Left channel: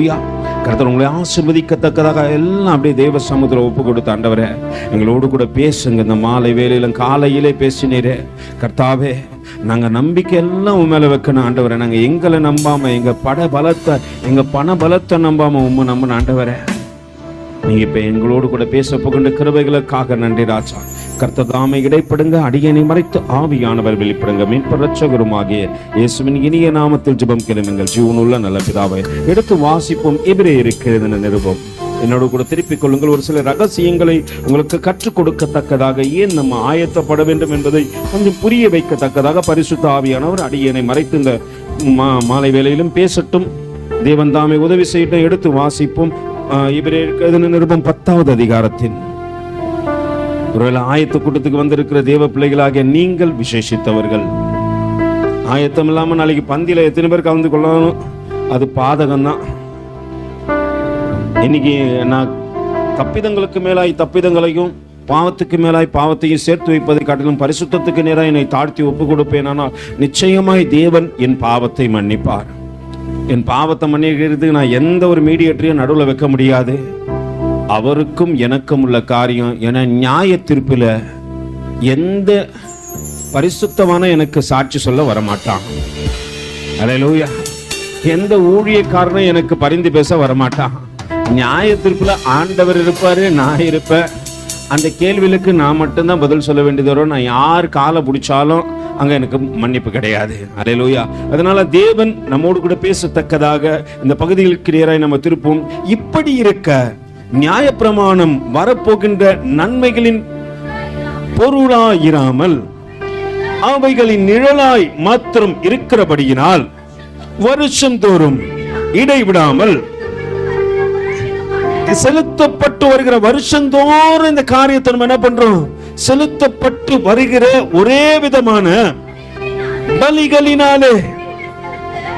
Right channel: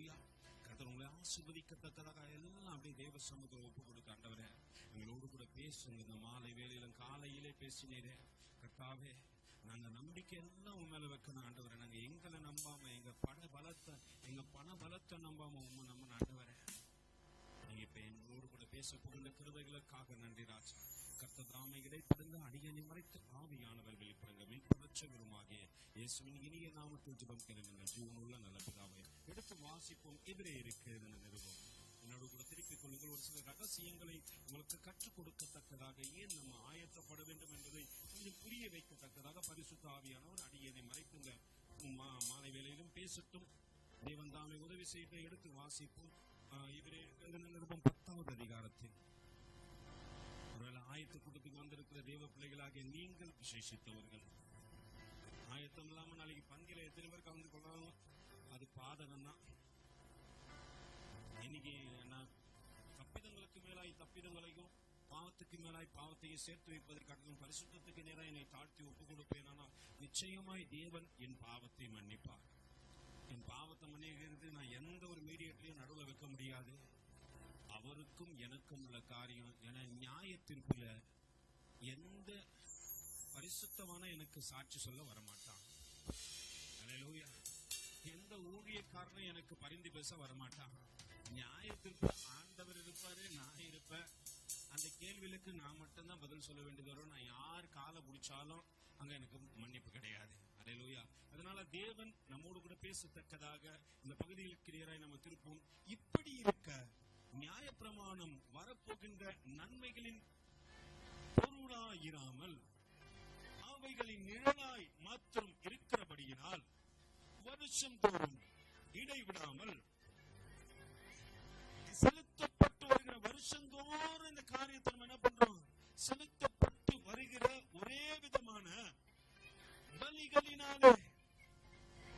அலையலூயா கருத்தர் உங்களை ஆசிர்வதிக்கத்தக்கதாக எல்லாம் அப்படியே தேவ சமுத்திரம் ஒப்பு கொடுத்த ஆண்டவரே எங்களோடு கூட பேசுங்க. இந்த மாலை வேலையிலும் காலையிலே பேசினீரே. கர்த்தாவே நாங்கள் நம்பிக்கை எல்லாம் உன் மேலே வைக்கணும் ஆண்டவரே. நாங்கள் எங்களை நம்பாம எங்கள் பட பலத்தை எங்கள் பண பலத்தை நம்பாம உண்மை நம்பின ஆண்டவரே. நீங்கள் இப்போ எங்களோடு கூட பேச போகின்ற கிருபைகளுக்காக நன்றி ராஜா. கர்த்ததாமை இடைப்படுங்க அடியனை மறைத்து ஆவியானவர் வெளிப்படுங்க. மீன்பரட்சகருமாகிய இயேசுவின் இனிய நாமத்தில் ஜெபம் கிளம்புங்கள் ஜீவனுள்ள நல்ல பிதாவை எடுத்து வாசிப்போம் எதிரே இருக்கிறது நிருபம். என்னோட கூட திருப்பிக் கொள்ளுங்கள். ஒரு சில ரகசியங்களை உங்களுக்கு கற்றுக் கொடுக்கத்தக்கதாக ஏன் நம்ம ஆயத்தப்பட வேண்டும் என்பதை கொஞ்சம் புரிய வைக்கத்தக்கதாக பரிசுத்த ஆவியானவர் அடியனை மறைத்து இந்த மா- மாலை வேளையிலும் பேசட்டும். தேவன் தாமே உதவி செய்யட்டும். எடுத்து வாசிப்போம். இவரே நிருபம் பத்தாவது அதிகாரத்தின் ஒருவேளை ஆயத்த கூட்டத்துக்கு வந்திருக்கிற தேவ பிள்ளைகளாக நீங்கள் விசேஷித்தவர்கள். ஆயத்தம் இல்லாம நாளைக்கு பந்தியில எத்தனை பேர் கலந்து கொள்ளணும்? அது பாதகம் தான் இன்னைக்கு நான் தப்பிதங்களுக்கு மேலாய் தப்பிதங்களையும் பாவத்துக்கு மேலாய் பாவத்தையும் சேர்த்து வைப்பதை காட்டிலும் பரிசுத்தத்துக்கு நேராக என்னை தாழ்த்தி ஒப்பு கொடுப்பேன் ஆனால் நிச்சயமாய் தேவன் என் பாவத்தை மன்னிப்பார். என் பாவத்தை மன்னிக்கிறதுக்கு நான் எந்த ஒரு மீடியேட்டரையும் நடுவில் வைக்க முடியாது. அவருக்கும் எனக்கும் உள்ள காரியம் என நியாய தீர்ப்பில் எந்த பரிசுத்தமான எனக்கு சாட்சி சொல்ல வரமாட்டான். அலையலூயா எந்த ஊழியக்காரனும் எனக்கு பரிந்து பேச வரமாட்டான். நியாய தீர்ப்புல ஆண்டவர் இருப்பாரு நான் இருப்பேன். அந்த கேள்விகளுக்கு நான் மட்டும்தான் பதில் சொல்ல வேண்டியது வரும் நான் யார் காலை பிடிச்சாலும் அங்கே எனக்கு மன்னிப்பு கிடையாது. அலையலூயா அதனால தேவன் நம்மோடு கூட பேசத்தக்கதாக இந்த பகுதிகளுக்கு நேராக நம்ம திருப்போம் இப்படி இருக்க நியாயப்பிரமாணம் வரப்போகின்ற நன்மைகளின் பொருளாயிராமல் அவைகளின் நிழலாய் மாத்திரம் இருக்கிறபடியினால் வருஷந்தோறும் இடைவிடாமல் செலுத்தப்பட்டு வருகிற வருஷந்தோறும் இந்த காரியத்தை நம்ம என்ன பண்றோம்? செலுத்தப்பட்டு வருகிற ஒரே விதமான பலிகளினாலே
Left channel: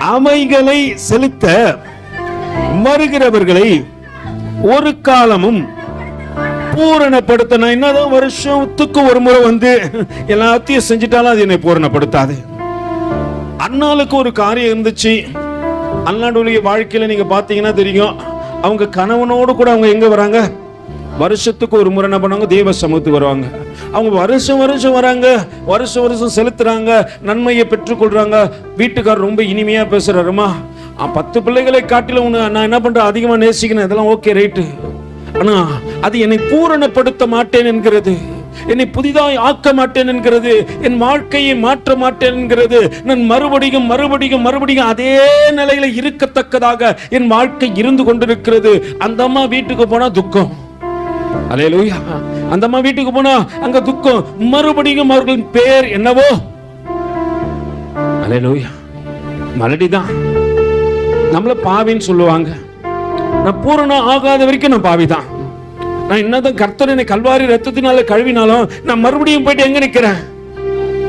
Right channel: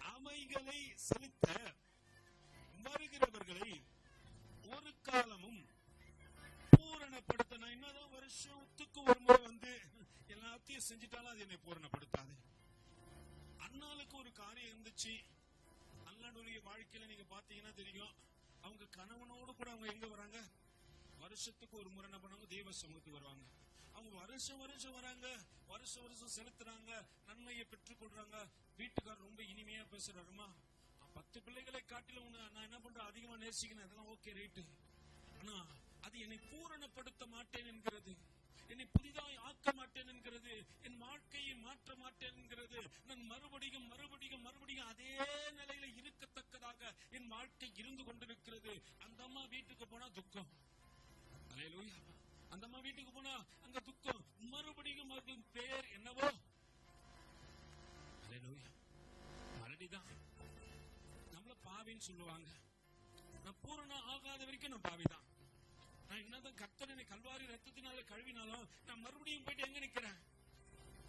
அமைகளை செலுத்த வருகிறவர்களை ஒரு காலமும் பூரணப்படுத்த நான் என்னதான் வருஷத்துக்கு ஒரு முறை வந்து எல்லாத்தையும் செஞ்சுட்டாலும் அது என்னை பூரணப்படுத்தாது. அண்ணாளுக்கு ஒரு காரியம் இருந்துச்சு. அண்ணாடுடைய வாழ்க்கையில நீங்க பாத்தீங்கன்னா தெரியும். அவங்க கணவனோடு கூட அவங்க எங்க வராங்க? வருஷத்துக்கு ஒரு முறை என்ன பண்ணுவாங்க? தெய்வ சமூகத்துக்கு வருவாங்க. அவங்க வருஷம் வருஷம் வராங்க. வருஷம் வருஷம் செலுத்துறாங்க. நன்மையை பெற்றுக்கொள்றாங்க. வீட்டுக்காரர் ரொம்ப இனிமையா பேசுறாருமா? பத்து பிள்ளைகளை காட்டிலும் உன்னை நான் என்ன பண்றேன்? அதிகமா நேசிக்கணும் இதெல்லாம் ஓகே ரைட்டு ஆனா அது என்னை பூரணப்படுத்த மாட்டேன் என்கிறது. என்னை புதிதாய் ஆக்க மாட்டேன் என்கிறது. என் வாழ்க்கையை மாற்ற மாட்டேன் என்கிறது. நான் மறுபடியும் மறுபடியும் மறுபடியும் அதே நிலையில இருக்கத்தக்கதாக என் வாழ்க்கை இருந்து கொண்டிருக்கிறது. அந்த அம்மா வீட்டுக்கு போனா துக்கம். அலையலூயா அந்த அம்மா வீட்டுக்கு போனா அங்க துக்கம். மறுபடியும் அவர்களின் பேர் என்னவோ? அலையலூயா மலடிதான். நம்மள பாவின்னு சொல்லுவாங்க. நான் பூரணம் ஆகாத வரைக்கும் நான் பாவிதான். நான் என்னதான் கர்த்தர் என்னை கல்வாரி ரத்தத்தினால கழுவினாலும் நான் மறுபடியும் போயிட்டு எங்க நிக்கிறேன்?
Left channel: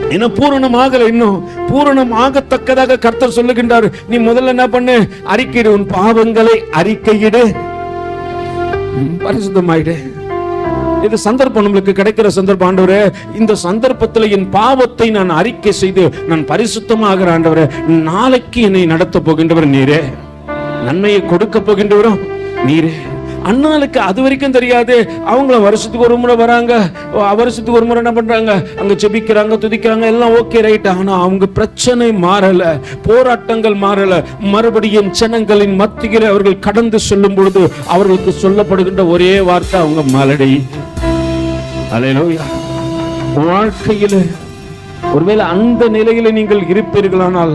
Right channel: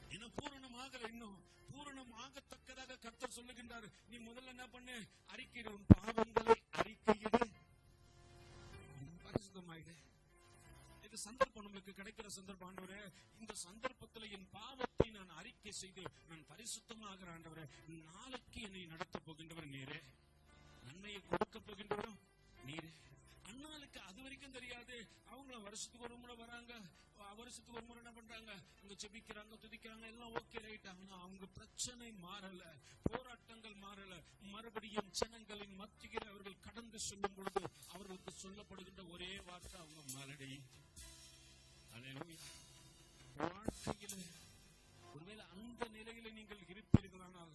என்ன பூரணம் ஆகல இன்னும். பூரணம் ஆகத்தக்கதாக கர்த்தர் சொல்லுகின்றார். நீ முதல்ல என்ன பண்ணு? அறிக்கையிடு உன் பாவங்களை அறிக்கையிடு. பரிசுத்தமாயிடு. இது சந்தர்ப்பம் நம்மளுக்கு கிடைக்கிற சந்தர்ப்பம் ஆண்டவரே. இந்த சந்தர்ப்பத்துல என் பாவத்தை நான் அறிக்கை செய்து நான் பரிசுத்தமாகிற ஆண்டவரே நாளைக்கு என்னை நடத்த போகின்றவர் நீரே. நன்மையை கொடுக்க போகின்றவரும் நீரே. அண்ணாளுக்கு அது வரைக்கும் தெரியாது. அவங்கள வருஷத்துக்கு ஒரு முறை வராங்க. வருஷத்துக்கு ஒரு முறை என்ன பண்றாங்க? அங்க செபிக்கிறாங்க துதிக்கிறாங்க எல்லாம் ஓகே ரைட் ஆனா அவங்க பிரச்சனை மாறல. போராட்டங்கள் மாறல. மறுபடியும் ஜனங்களின் மத்தியில் அவர்கள் கடந்து செல்லும் பொழுது அவர்களுக்கு சொல்லப்படுகின்ற ஒரே வார்த்தை அவங்க மலடி. வாழ்க்கையில் வாழ்க்கையில ஒருவேளை அந்த நிலையில நீங்கள் இருப்பீர்களானால்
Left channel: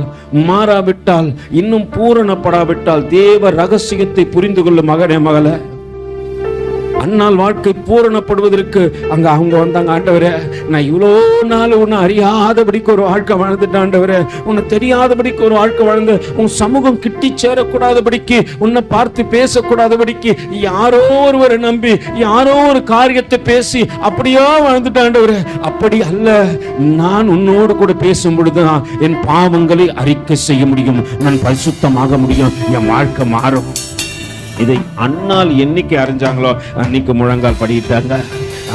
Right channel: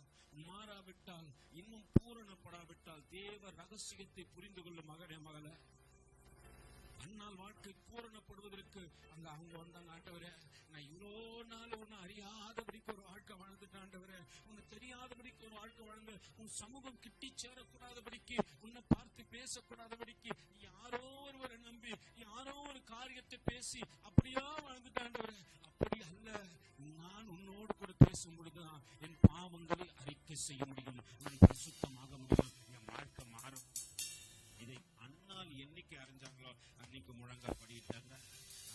மாறாவிட்டால் இன்னும் பூரணப்படாவிட்டால் தேவ ரகசியத்தை புரிந்து கொள்ளும் மகனே மகளை. அன்னால் வாழ்க்கை பூரணப்படுவதற்கு அங்க அவங்க வந்தாங்க ஆண்டவரே. நான் இவ்வளோ நாள் உன்னை அறியாதபடிக்கு ஒரு வாழ்க்கை வாழ்ந்துட்டேன் ஆண்டவரே. உன்னை தெரியாதபடிக்கு ஒரு வாழ்க்கை வாழ்ந்து உன் சமூகம் கிட்டி சேரக்கூடாதபடிக்கு உன்னை பார்த்து பேசக்கூடாதபடிக்கு யாரோ ஒருவரை நம்பி யாரோ ஒரு காரியத்தை பேசி அப்படியோ வாழ்ந்துட்டேன் ஆண்டவரே. அப்படி அல்ல நான் உன்னோடு கூட பேசும் பொழுதுதான் என் பாவங்களை அறிக்கை செய்ய முடியும். நான் பரிசுத்தமாக முடியும். என் வாழ்க்கை மாறும். இதை அண்ணால் என்னைக்கு அறிஞ்சாங்களோ? அன்னைக்கு முழங்கால் படியிட்டாங்க.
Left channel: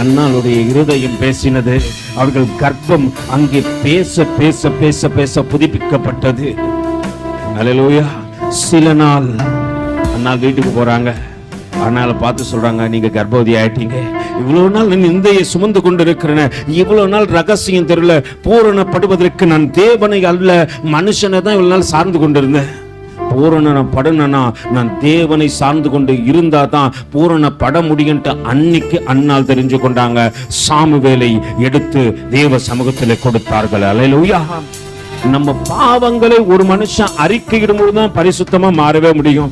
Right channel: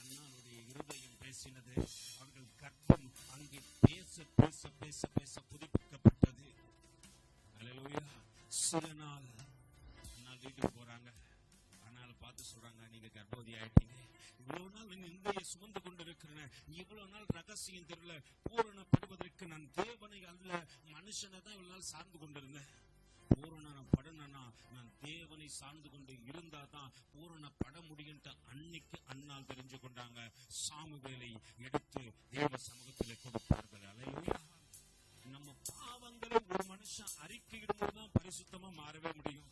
அண்ணாளுடைய இருதயம் பேசினது. அவர்கள் கர்ப்பம் அங்கே பேச பேச பேச பேச புதுப்பிக்கப்பட்டது. அல்லேலூயா சில நாள் அண்ணா வீட்டுக்கு போறாங்க. அதனால பார்த்து சொல்றாங்க நீங்க கர்ப்பவதி ஆயிட்டீங்க. இவ்வளவு நாள் நான் நிந்தையை சுமந்து கொண்டு இருக்கிறேன் இவ்வளவு நாள் ரகசியம் தெரியல பூரணப்படுவதற்கு நான் தேவனை அல்ல. மனுஷனை தான் இவ்வளவு நாள் சார்ந்து கொண்டிருந்தேன். பூரண படணும்னா நான் தேவனை சார்ந்து கொண்டு இருந்தா தான் பூரண பட முடியும்ட்டு அன்னைக்கு அன்னால் தெரிஞ்சு கொண்டாங்க. சாமுவேலை எடுத்து தேவ சமூகத்தில் கொடுத்தார்கள். அலையிலூயா நம்ம பாவங்களை ஒரு மனுஷன் அறிக்கையிடும் பொழுதுதான் பரிசுத்தமா மாறவே முடியும்.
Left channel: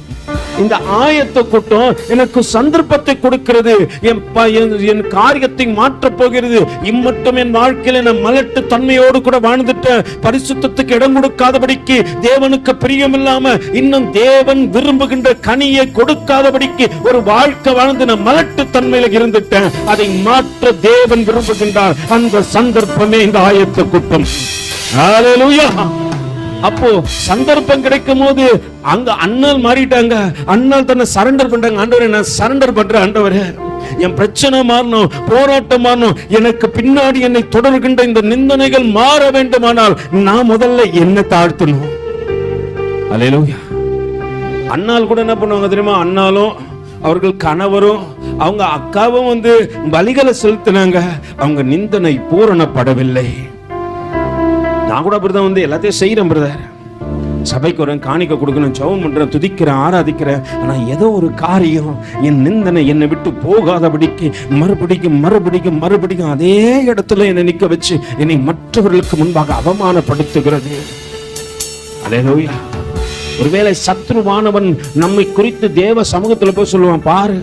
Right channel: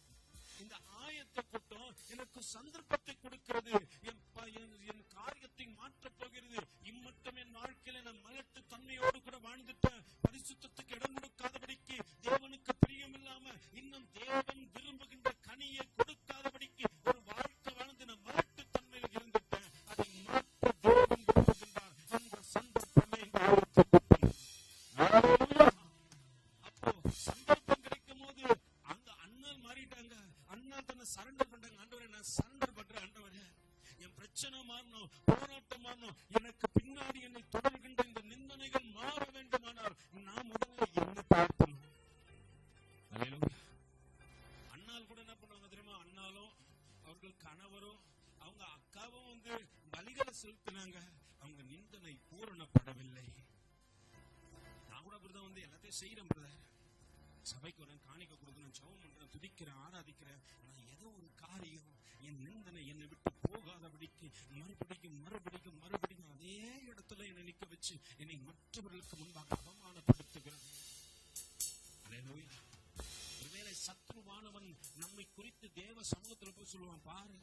இந்த ஆயத்த கூட்டம் எனக்கு சந்தர்ப்பத்தை கொடுக்கிறது. என் என்- என் காரியத்தை மாற்றப் போகிறது. இம்மட்டும் என் வாழ்க்கையில நான் மலட்டு தன்மையோடு கூட வாழ்ந்துட்டேன் பரிசுத்தத்துக்கு இடம் கொடுக்காதபடிக்கு தேவனுக்கு பிரியமில்லாம இன்னும் தேவன் விரும்புகின்ற கனியை கொடுக்காதபடிக்கு ஒரு வாழ்க்கை வாழ்ந்து நான் மலட்டு தன்மையில இருந்துட்டேன். அதை மாற்ற தேவன் விரும்புகின்றார். அந்த சந்தர்ப்பமே இந்த ஆயத்த கூட்டம். Hallelujah. அப்போ சந்தர்ப்பம் கிடைக்கும் போது அங்க அண்ணல் மாறிட்டாங்க. அண்ணல் தன்னை சரண்டர் பண்றாங்க ஆண்டவரே நான் சரண்டர் பண்றேன் ஆண்டவரே. என் பிரச்சனை மாறணும் போராட்டம் மாறணும். எனக்கு பின்னாடி என்னை தொடர்கின்ற இந்த நிந்தனைகள் மாற வேண்டுமானால் நான் முதல்ல என்ன தாழ்த்தணும். அலையலூயா அண்ணால் கூட என்ன பண்ணுவாங்க தெரியுமா? அண்ணாலும் அவர்கள் கணவரும் அவங்க அக்காவும் வந்து பலிகளை செலுத்தினாங்க. அவங்க நிந்தனை பூரணப்படவில்லை. நான் கூட அப்படிதான் வந்து எல்லாத்தையும் செய்யறேன் பிரதர் சபைக்கு வரேன் காணிக்க கொடுக்கணும் ஜெபம் பண்றேன் துதிக்கிறேன் ஆராதிக்கிறேன். ஆனா ஏதோ ஒரு காரியம் என் நிந்தனை என்னை விட்டு போகாதபடிக்கு மறுபடிக்கும் மறுபடிக்கும் மறுபடிக்கும் அதே இடத்துல என்னை நிக்க வச்சு என்னை மற்றவர்களுக்கு முன்பாக அவமானப்படுத்துகிறது. அதே நோயா ஒருவேளை சத்ருவானவன் நம்மை குறித்து தேவ சமூகத்துல போய் சொல்லுவான் பாரு.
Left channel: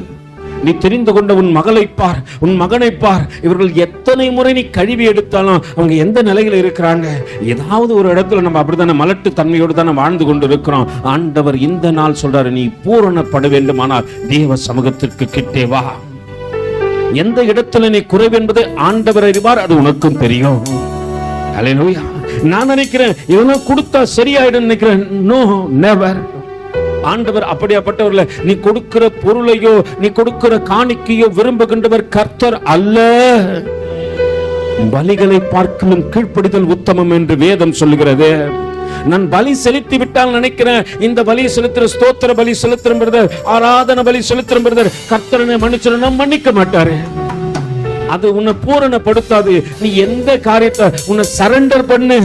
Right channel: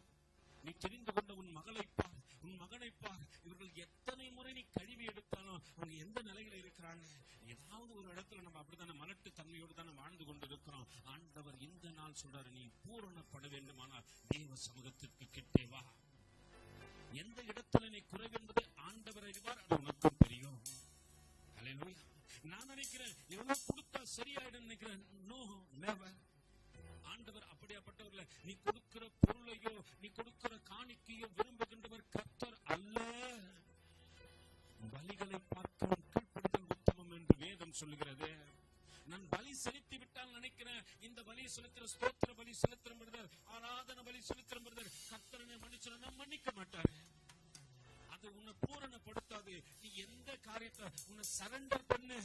நீ தெரிந்து கொண்ட உன் மகளை பார் உன் மகனை பார். இவர்கள் எத்தனை முறை நீ கழுவி எடுத்தாலும் அவங்க எந்த நிலையில இருக்கிறாங்க? ஏதாவது ஒரு இடத்துல நம்ம அப்படித்தானே மலட்டு தன்மையோடு தானே வாழ்ந்து கொண்டு இருக்கிறோம் ஆண்டவர் இந்த நாள் சொல்றாரு நீ பூரணப்பட வேண்டுமானால் தேவ சமூகத்திற்கு கிட்டே வா. எந்த இடத்துல நீ குறைவு என்பதை ஆண்டவர் அறிவார் அது உனக்கும் தெரியும். ஹalleluya நான் நினைக்கிறேன் இவனும் கொடுத்தா சரியாயிடும் நினைக்கிறேன். நோ நெவர் ஆண்டவர் அப்படியாப்பட்டவர்ல நீ கொடுக்கிற பொருளையோ நீ கொடுக்கிற காணிக்கையோ விரும்புகின்றவர் கர்த்தர் அல்ல. பலிகளை பார்க்கலும் கீழ்ப்படிதல் உத்தமம் என்று வேதம் சொல்லுகிறது. நான் பலி செலுத்தி விட்டால் நினைக்கிறேன் இந்த பலி செலுத்துற ஸ்தோத்திர பலி செலுத்துற பிரதர் ஆராதன பலி செலுத்துற பிரதர். கர்த்தரனை மன்னிச்சிருந்தா மன்னிக்க மாட்டாரு. அது உன்னை பூரணப்படுத்தாது. நீ எந்த காரியத்தை உன்னை சரண்டர் பண்ணு.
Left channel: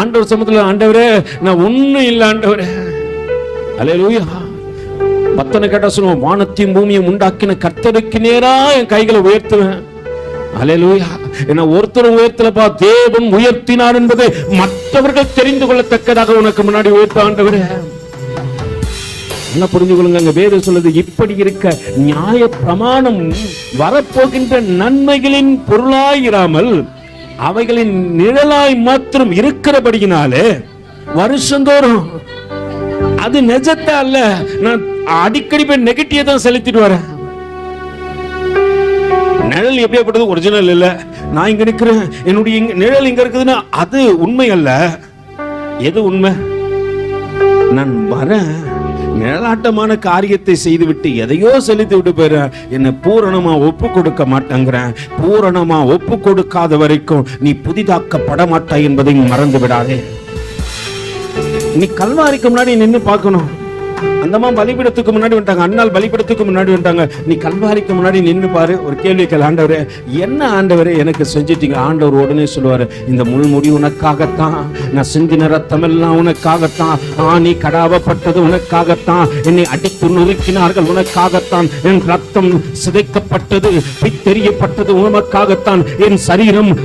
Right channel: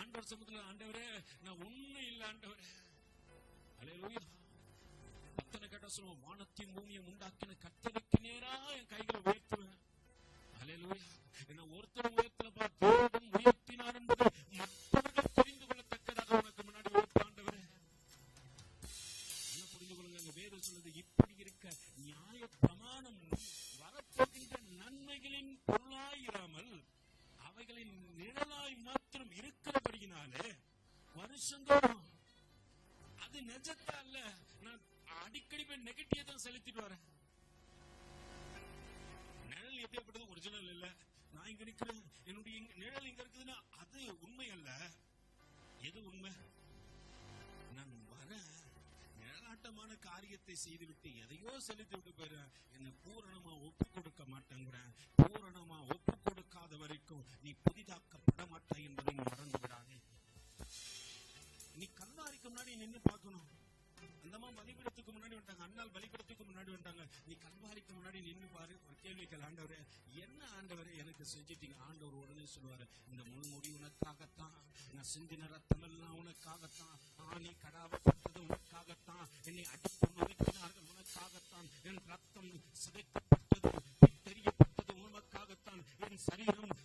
ஆண்டவர் சமத்துல ஆண்டவரே நான் ஒண்ணும் இல்லை ஆண்டவரே. அலையலூயா பத்தனை கேட்டா சொல்லுவோம் வானத்தையும் பூமியும் உண்டாக்கின கர்த்தருக்கு நேரா என் கைகளை உயர்த்துவேன். அலையலூயா என்ன ஒருத்தரும் உயர்த்தலப்பா தேவன் உயர்த்தினார் என்பதை மற்றவர்கள் தெரிந்து கொள்ளத்தக்கதாக உனக்கு முன்னாடி உயர்த்த என்ன புரிஞ்சு கொள்ளுங்க அங்க வேறு சொல்லுது இப்படி இருக்க நியாய பிரமாணம் வரப்போகின்ற நன்மைகளின் பொருளாயிராமல் அவைகளின் நிழலாய் மாத்திரம் இருக்கிறபடியினாலே வருஷந்தோறும் அது நிஜத்தை அல்ல நான் அடிக்கடி போய் நெகட்டிவ் தான் செலுத்திட்டு வரேன். நிழல் எப்படியாப்பட்டது? ஒரிஜினல் இல்ல. நான் இங்க நிக்கிறேன். என்னுடைய இங்க- நிழல் இங்க இருக்குதுன்னா அது உண்மை அல்ல. எது உண்மை? நான் வரேன். நிழலாட்டமான காரியத்தை செய்துவிட்டு எதையோ செலுத்தி விட்டு போயிடுறேன். என்னை பூரணமா ஒப்பு கொடுக்க மாட்டேங்கிறேன். பூரணமா ஒப்பு கொடுக்காத வரைக்கும் நீ புதிதாக்கப்பட மாட்டாய் என்பதை மறந்து விடாதே. நீ கல்வாரிக்கு முன்னாடி நின்னு பார்க்கணும். அந்தமா பலிபீடத்துக்கு முன்னாடி வந்துட்டாங்க. அண்ணால் பலிபீடத்துக்கு முன்னாடி வந்துட்டாங்க. நீ கல்வாரிக்கு முன்னாடி நின்று பாரு. ஒரு கேள்வி கேள் ஆண்டவரே. என்ன ஆண்டவரே எனக்கு செஞ்சிட்டீங்க? ஆண்டவர் உடனே சொல்லுவாரு இந்த முள்முடி உனக்காகத்தான். நான் சிந்தின ரத்தம் எல்லாம் உனக்காகத்தான். ஆணி கடாவப்பட்டது உனக்காகத்தான். என்னை அடித்து நொறுக்கினார்கள் உனக்காகத்தான். என் ரத்தம் சிதைக்கப்பட்டது பித்தெறியப்பட்டது உமக்காகத்தான். என் சரீரம்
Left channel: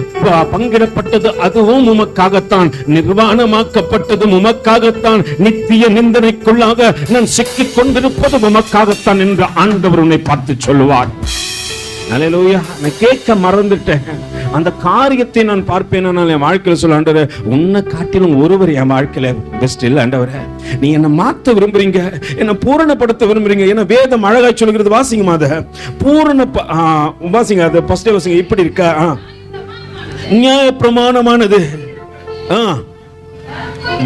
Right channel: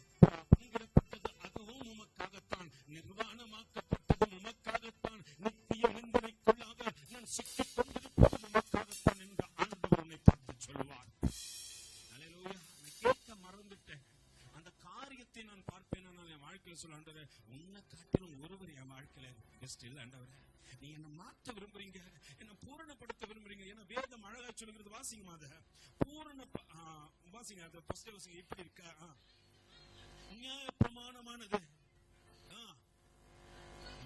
பங்கிடப்பட்டது அதுவும் உமக்காகத்தான். நிர்வாணமாக்கப்பட்டதும் உமக்காகத்தான். நித்திய நிந்தனைக்குள்ளாக நான் சிக்கிக் கொண்டிருப்பது உமக்காகத்தான் என்று ஆண்டவர் உன்னை பார்த்து சொல்லுவார். அல்லேலூயா நான் கேட்க மறந்துட்டேன். அந்த காரியத்தை நான் பார்ப்பேன். நான் என் வாழ்க்கையில் சொல்ல ஆண்டவர் உன்னை காட்டிலும் ஒருவர் என் வாழ்க்கையில பெஸ்ட் இல்லை ஆண்டவர. நீ என்னை மாத்த விரும்புறீங்க? என்னை பூரணப்படுத்த விரும்புறீங்க? ஏன்னா வேதம் அழகாய் சொல்கிறது வாசிங்கம்மா அதை. பூரண வாசிங்க அதை. ஃபர்ஸ்டே வாசிங்க. இப்படி இருக்கா? ஆ. நியாய பிரமாணமானது ஆ.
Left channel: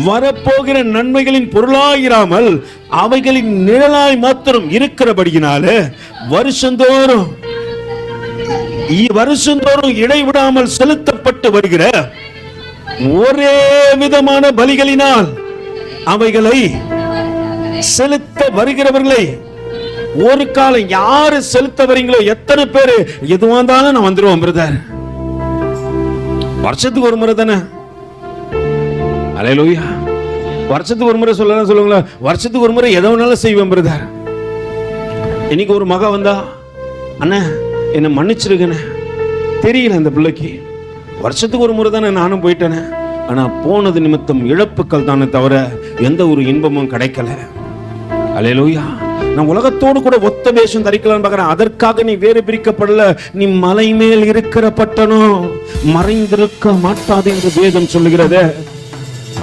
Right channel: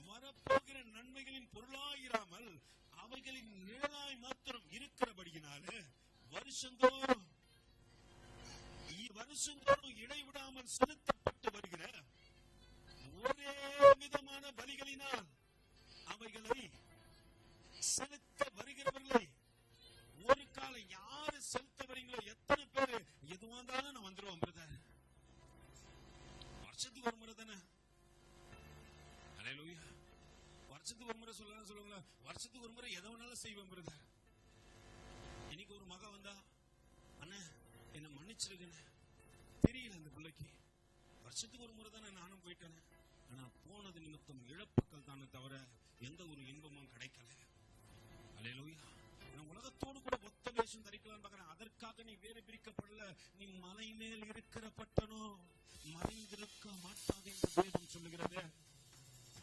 வரப்போகிற நன்மைகளின் பொருளாயிராமல் அவைகளின் நிழலாய் மாத்திரம் இருக்கிறபடியினாலே வருஷந்தோறும் வருஷந்தோறும் இடைவிடாமல் செலுத்தப்பட்டு வருகிற ஒரே விதமான பலிகளினால் அவைகளை செலுத்த வருகிறவர்களை ஒரு காலம் யாரு செலுத்த வரீங்களோ எத்தனை பேரு எதுவா இருந்தாலும் நான் வந்துருவோம் பிரதர். வருஷத்துக்கு ஒரு முறை தானே? அலையலோயா வருஷத்துக்கு ஒரு முறை சொல்லலாம் சொல்லுங்களேன். வருஷத்துக்கு ஒரு முறை எதை வேணாலும் செய்வேன் பிரதர் இன்னைக்கு ஒரு மக வந்தா அண்ணா என்னை மன்னிச்சிருக்கண்ணே தெரியல அந்த பிள்ளைக்கு. வருஷத்துக்கு ஒரு முறை தானே நானும் போயிட்டேனே. ஆனால் போனது நிமித்தம் இழப்புக்கள் தானே தவிர எந்த ஒரு இன்பமும் கிடைக்கல. அலையலோயா நான் உலகத்தோடு கூட ஒத்த வேஷம் தரிக்கலாம்னு பார்க்குறேன். அதற்காக நீ வேறு பிரிக்கப்படல. நீ மலை மேல் இருக்கிற பட்டணம். மறைந்திருக்க மாட்டாது என்று வேதம் சொல்லுகிறதே.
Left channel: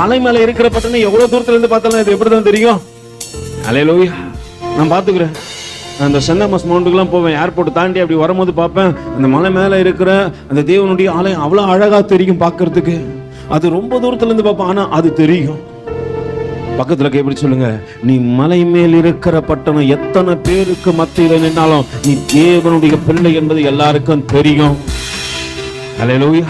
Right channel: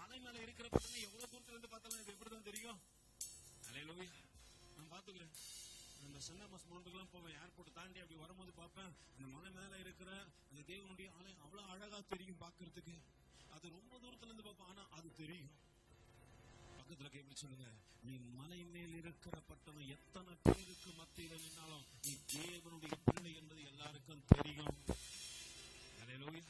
மலை மேல இருக்கிற பட்டணம் எவ்வளவு தூரத்துல இருந்து பார்த்தாலும் இது எப்படிதான் தெரியும்? அலையலூயா நான் பாத்துக்கிறேன் நான் அந்த சென்னை மஸ் மவுண்டுக்கெல்லாம் போவேன். ஏர்போர்ட் தாண்டி அப்படி வரும்போது பார்ப்பேன். அந்த மலை மேலே இருக்கிற அந்த தேவனுடைய ஆலயம் அவ்வளோ அழகாக தெரியும் பார்க்கறதுக்கு. அது ரொம்ப தூரத்துல இருந்து பார்ப்பேன். ஆனால் அது தெரியும். பக்கத்துல எப்படி சொல்லுங்க? நீ மலை மேல் இருக்கிற பட்டணம் எத்தனை பேருக்கு மத்தியில் நின்னாலும் நீ தேவனுடைய பிள்ளை என்பது எல்லாருக்கும் தெரியும். அல்லேலூயா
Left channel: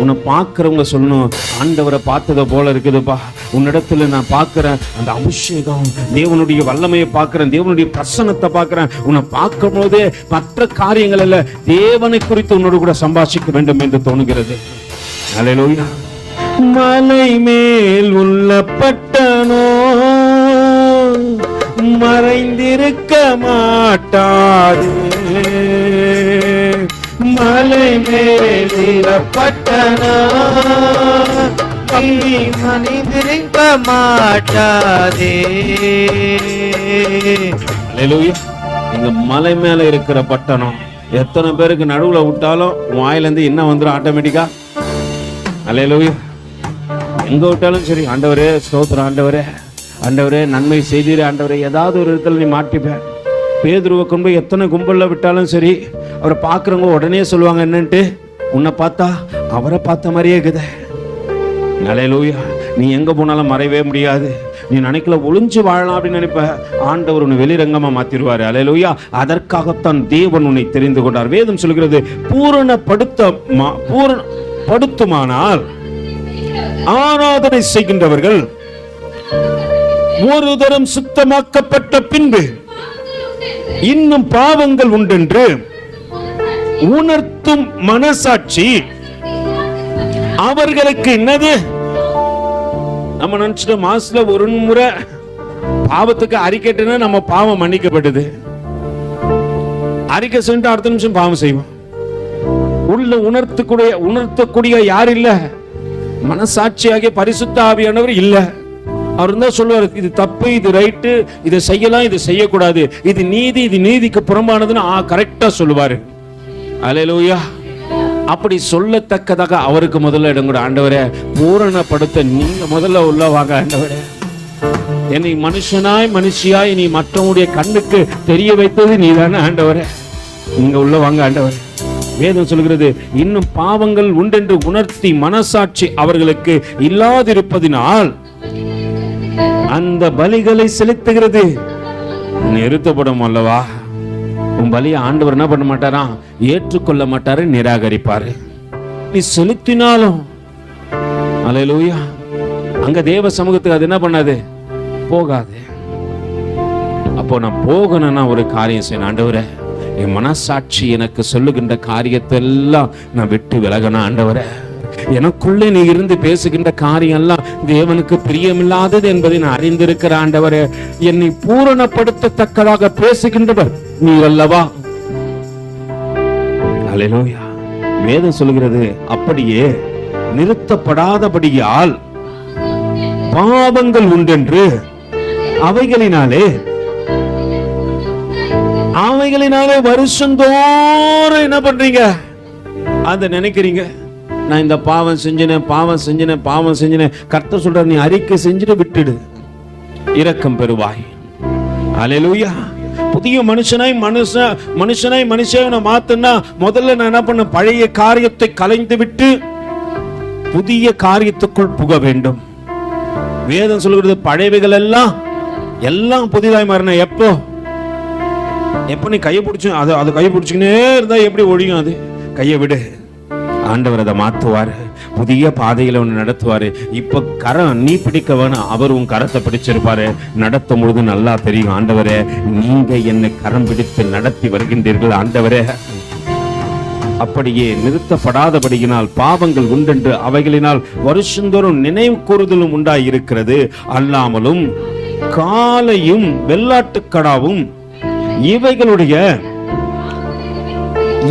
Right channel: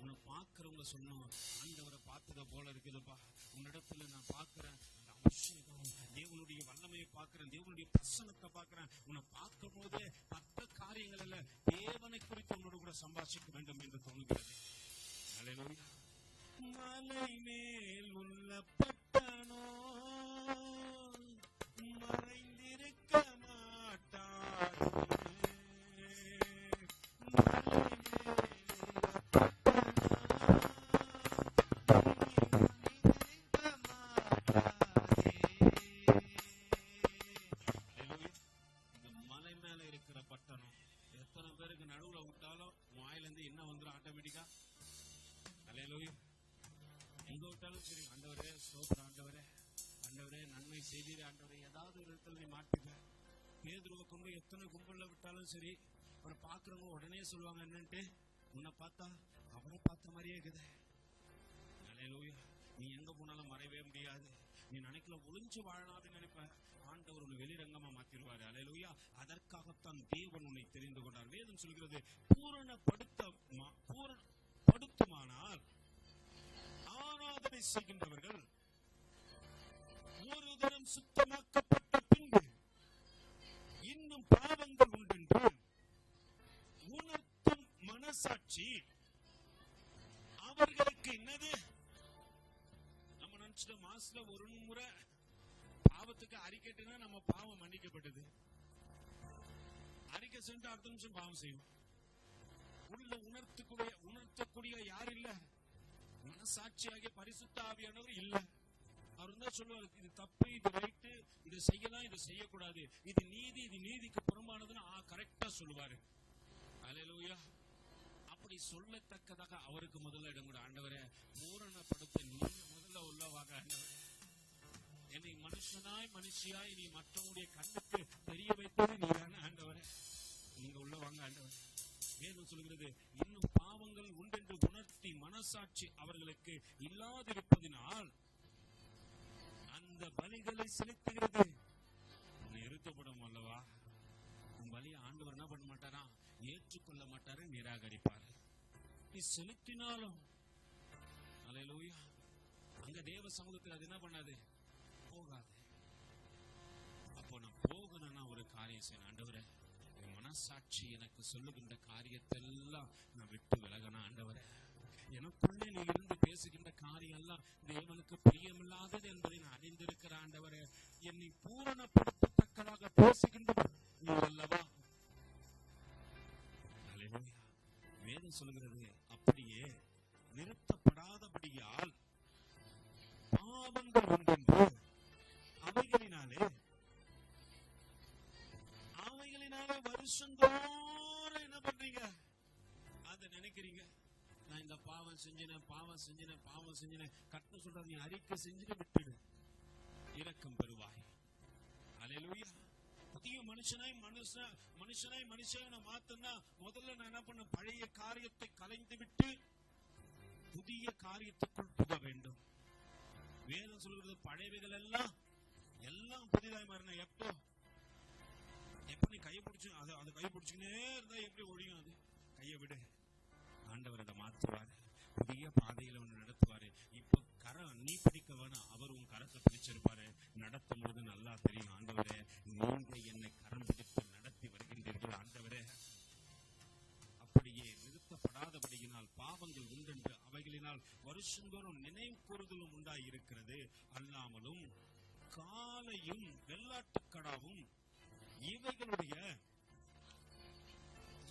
உன்னை பார்க்குறவங்க சொல்லணும். ஆண்டவரை பார்த்ததை போல இருக்குதுப்பா. உன்னிடத்துல நான் பார்க்குறேன். அந்த அபிஷேகம் தேவனுடைய வல்லமையை பார்க்குறேன். தேவனுடைய பிரசன்னத்தை பார்க்குறேன். உன்னை பார்க்கும் போதே மற்ற காரியங்கள் அல்ல தேவனை குறித்து உன்னோடு கூட சம்பாஷிக்க வேண்டும் என்று தோணுகிறது. மலை மேல் உள்ள பட்டனோ மறைந்திருக்க மாட்டாது. மலை மேல் நீ பட்டணோ தம்பி மனிதிருக்க மாட்டாதே. இங்க மலை மேல இருக்கிற பட்டணம் எத்தனை பேருக்கு நடுவுல விட்டாலும் உன் வாயிலிருந்து என்ன வந்துடும் ஆட்டோமேட்டிக்கா அல்லேலூயா எங்க விட்டாலும் சரி ஆண்டவரே ஸ்தோத்திரம் ஆண்டவரே. ஆண்டவரே நன்மை செய்தீர் ஆண்டவரே. ஏதாவது ஒரு இடத்துல நீ மாட்டிப்பேன் பேதுருவை கொண்டு போய் எத்தனை கும்பலில் விட்டாலும் சரி அவரை பார்க்குறவங்க உடனே சொல்லுவாங்க என்னன்ட்டு? உன்னை பார்த்தா அவரை பார்த்த மாதிரியே இருக்குது. அலையலூயா நீ எங்கே போனாலும் மறையவே முடியாது. நீ நினைக்கல ஒளிஞ்சு வாழலாம் அப்படின்னு நினைப்ப. ஆண்டவர் உன்னை வெளிரங்கமாக மாற்றிடுவார் அலையலூயா அதற்காகத்தான் தேவன் உன்னை தெரிந்து கொண்டார். வேதம் சொல்கிறது பூரணப்படுத்த மா- பூரண படுத்துமானால் ஆராதனை செய்கின்றவர்கள் ஒரு தரம் சுத்தமாக்கப்பட்ட பின்பு இன்னும் பாவங்கள் உண்டென்று உணர்த்தும் மனசாட்சி. அவர்களுக்கு என்னது? நம்ம நினைச்சிட்டோம் மாசத்துல ஒரு முறை பாவத்துக்கு அறிக்கைட்டுனா நம்ம பாவம் மன்னிக்கப்பட்டது அறிக்கை சென்று அடுத்த நிமிஷம் பாவம் செய்வோம். உள்ள உணர்த்தக்கூடிய உணர்த்தக்கூடிய யார் இல்ல? மனசாட்சியாகிய பரிசுத்த ஆவியானவர் இல்லை. அவர் தான் சொல்லுவார் இது தப்பு இது ரைட்டு இதை செய்யலாம் இது செய்யக்கூடாது. இது நீதி இது நீதிக்கு புறம்பானதுன்னு ஆ கரெக்டா சொல்லுவாரு. அலையலூயா. அப்படி சொல்லத்தக்கதாக அவருக்கு முதல்ல இடம் கூட ஆண்டவரே. பூரணப்படுத்த நீங்க முதல்ல உள்ள வாங்க ஆண்டவரே. என்னை மனுஷனாய் மனுஷியாய் நீ மற்றவனுடைய கண்ணுக்கு தெரிய வைத்தது நீதானே ஆண்டவரே. நீங்க உள்ள வாங்க ஆண்டவரே. வேதம் சொல்கிறது இன்னும் பாவங்கள் உண்டென்று உணர்த்தி மனசாட்சி அவர்களுக்கு இல்லாதிருப்பதினால் அந்த பலிகளை செலுத்துகிறது. நிறுத்தப்படும் அல்லவா? உன் பலியை ஆண்டவர் என்ன பண்ண மாட்டாராம் ஏற்றுக்கொள்ள மாட்டாரு நிராகரிப்பாரு. நீ செலுத்தினாலும் அலையலூயா அங்க தேவ சமூகத்துக்கு அது என்ன பண்ணாது? போகாது. அப்போ நான் போகணும்னா ஒரு காரியம் செய்யணும். ஆண்டவரே என் மனசாட்சி எனக்கு சொல்லுகின்ற காரியத்தை எல்லாம் நான் விட்டு விலகணும் ஆண்டவரே. எனக்குள்ளே நீ இருந்து பேசுகின்ற காரியம் எல்லாம் தேவனுக்கு பிரியமில்லாதது என்பதை நான் அறிந்திருக்கிற ஆண்டவரே. என்னை பூரணப்படுத்தத்தக்கதாக பேசுகின்றவர் நீர் அல்லவா? அல்லேலூயா வேதம் சொல்கிறது அப்படியே நிறுத்தப்படாதபடியால் பாவங்கள் உண்டென்று அவைகளினாலே அவைகளினாலே வருஷந்தோறும் என்ன பண்றீங்க? அதை நினைக்கிறீங்க. நான் இந்த பாவம் செஞ்சினேன் பாவம் செஞ்சினேன் பாவம் செஞ்சினேன். கர்த்தர் சொல்ற நீ அறிக்கை செஞ்சுட்டு விட்டுடு. இரக்கம் பெறுவாய். அலையலூயா புதிய மனுஷனாய் மனுஷன் மனுஷனாய் மனுஷனை மாத்தனா முதல்ல நான் என்ன பண்ண பழைய காரியத்தை கலைந்து விட்டு புதிய காரியத்துக்குள் புக வேண்டும். வேதம் சொல்கிறது பழையவைகள் எல்லாம் எல்லாம் புதிதாய் மாறின. எப்போ? எப்போ நீ கையை பிடிச்சி அதை அதை கையை பிடிச்சிக்கினே இருந்தா எப்படி ஒழியும் அது? கையை விடு. ஆண்டவர் அதை மாற்றுவார் புதிய பாதையில் ஒன்று நடத்துவாரு. இப்போ கரம் நீ பிடிக்க வேணும் அவர் உன் கரத்தை பிடிச்சிருப்பாரு. நடத்தும் பொழுது நல்லா தெரியும் ஆண்டவரே நீங்கள் என்னை கரம் பிடித்து நடத்தி வருகின்றீர்கள் ஆண்டவரே. அப்படியே நிறுத்தப்படாதபடியினால் பாவங்கள் உண்டென்று அவைகளினால் வருஷந்தோறும் நினைவு கூறுதலும் உண்டாயிருக்கிறது. அல்லாமலும் காலையும் வெள்ளாட்டுக்கடாவும் இவைகளுடைய